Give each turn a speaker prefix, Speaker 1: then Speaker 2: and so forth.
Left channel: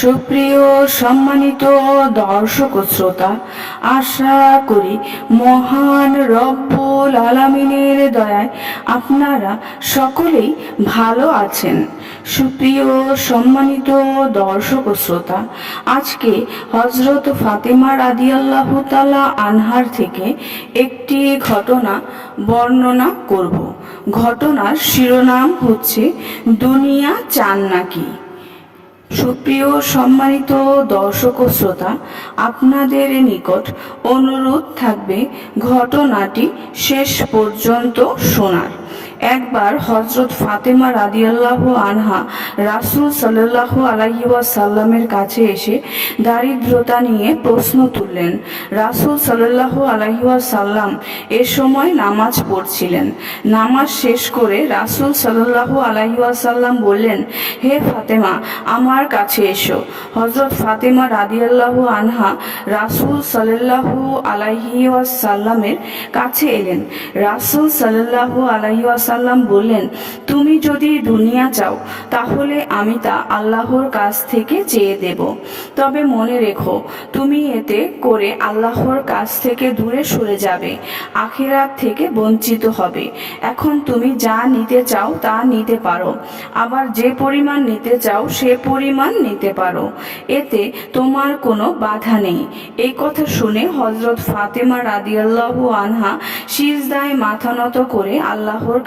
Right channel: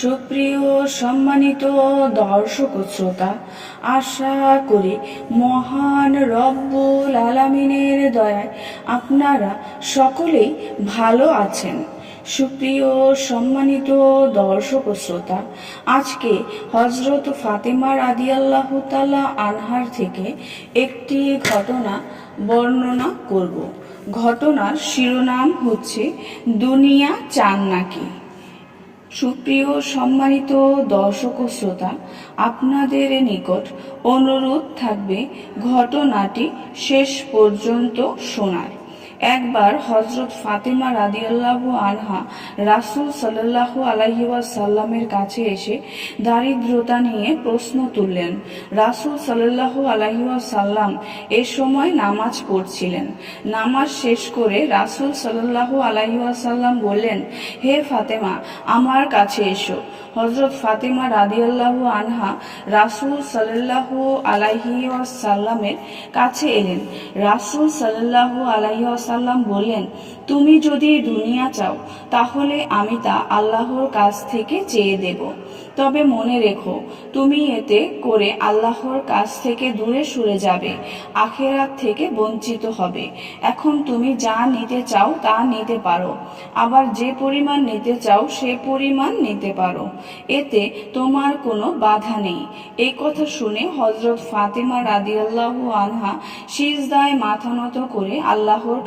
Speaker 1: সুপ্রিয় সম্মানিত দর্শক শ্রোতা, আশা করি মহান রব্বুল আলামিনের দয়ায় আপনারা সকলেই ভালো আছেন। সুপ্রিয় সম্মানিত দর্শক শ্রোতা, আজকে হজরত ফাতেমা রাদিয়াল্লাহু তাআলা আনহার থেকে একটি ঘটনা বর্ণনা করব। ঘটনার শিরোনাম হচ্ছে, দুনিয়া চান নাকি? সুপ্রিয় সম্মানিত দর্শক ও শ্রোতা আপনাদের নিকট অনুরোধ থাকবে ঘটনাটি শেষ পর্যন্ত শোনার। একবার হজরত ফাতেমা রাদিয়াল্লাহু আনহা রাসূল সাল্লাল্লাহু আলাইহি ওয়াসাল্লামের কাছে এসে দারিদ্রতা নিয়ে প্রশ্ন তুললেন। রাসূল সাল্লাল্লাহু আলাইহি ওয়াসাল্লাম এ সময় নামাজ পড়ছিলেন। নামাজ শেষ করে রাসূল সাল্লাল্লাহু আলাইহি ওয়াসাল্লাম বললেন, হে ফাতেমা, আমার কাছে এসো। হজরত ফাতেমা রাদিয়াল্লাহু আনহা রাসূল সাল্লাল্লাহু আলাইহি ওয়াসাল্লামের কাছে এলেন। রাসূল সাল্লাল্লাহু আলাইহি ওয়াসাল্লাম বললেন, তুমি যদি দুনিয়া চাও, তাহলে আমি তা আল্লাহর কাছ থেকে চেয়ে দেব। তবে মনে রেখো, তুমি এতে করে আল্লাহর কাছ থেকে দূরে সরে যাবে, আখেরাত থেকে বঞ্চিত হবে। এখন তুমি যা নিতে চাও, তা নিতে পারো। আবার যে পরিমাণ নিতে চাও, সে পরিমাণ নিতে পারো। এতে তোমার কোনো বাধা নেই। এই কথা শুনে হজরত ফাতেমা রাদিয়াল্লাহু আনহা সিজদায় মাথা নত করে আল্লাহর